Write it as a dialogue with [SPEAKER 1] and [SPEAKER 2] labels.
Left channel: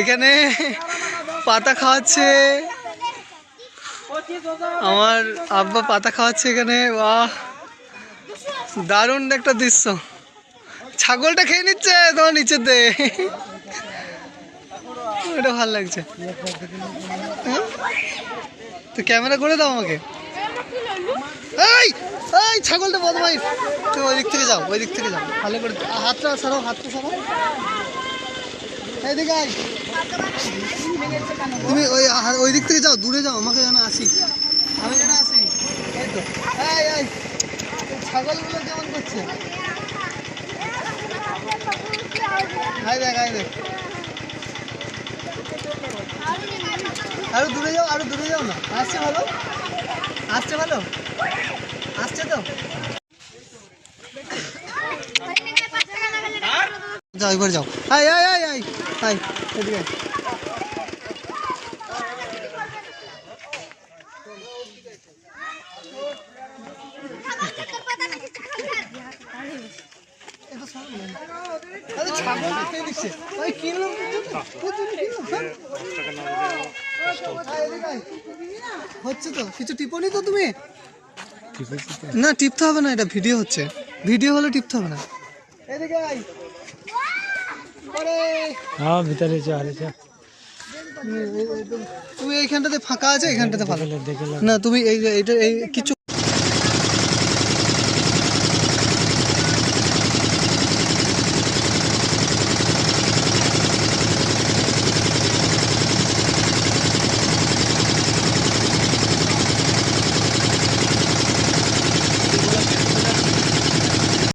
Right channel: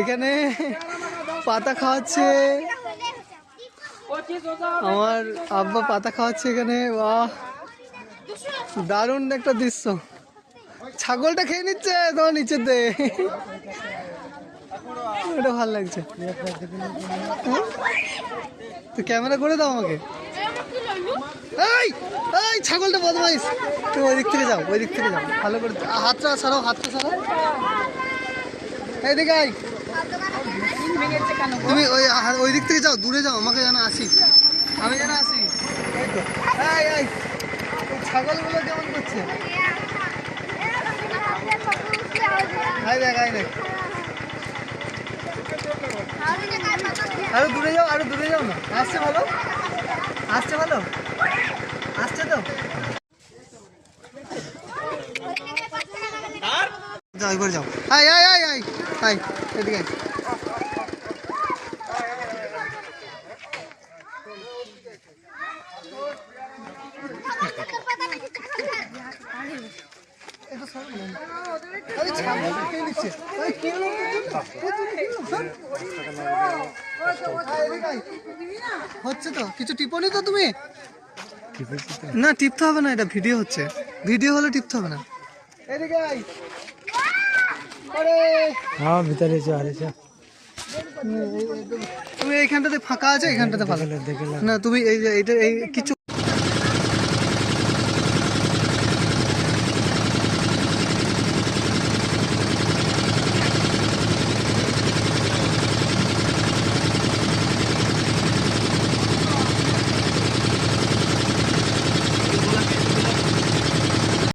[SPEAKER 1] এখানে পাতা খাওয়াচ্ছে। আমার আব্বা পাতা খাওয়াচ্ছে এখানে বাহ দারুণ একটা দৃশ্য। ছাগলটা খেয়ে নিচ্ছে তোমার নিচের দে এটা ভালো লাগছে। হ্যাঁ? তো ক্যামেরা করে দাও আমাকে। এই এই, ছাগলটা বদমাইশ। তুমি ওই দিক থেকে যাও, ওই দিক থেকে যাও। ভালো করে হাতটা সরাও হাতটা সরাও এইদিকে আয়। তুমি ওই ওই দিক থেকে যাও, দূরে যাও, আমাকে যেন আসি। আমি যেন আসি। এই তো। ছাগলগুলো কেমন করছে? আয় দেখ আয় দেখ। আরও দূরে যাও, আরও দূরে যাও না। আসছে ভালো? আসছে ভালো? আসছে তো? যাও, এবার যাও। আয় আয় আয় আয়। আয়, এদিকে আয়। এটা সরো না। আরে আরে কিনলাম তোর জন্য? কিনলাম। হচ্ছে তো? কিছু টিপনি তো তুমি? না টিপতে হবে না এটা ভিডিও হচ্ছে। ভিডিও হলে টিপতে হবে না। এদিকে আয়। আরে।
[SPEAKER 2] হ্যাঁ ভিতরে যা আরে যা।
[SPEAKER 1] তুমি এইখানটাতে ফাঁকা আছে? এইখানটাতে ফাঁকা।
[SPEAKER 2] দেখে
[SPEAKER 1] না তুমি এই যে এইটা এই কিছু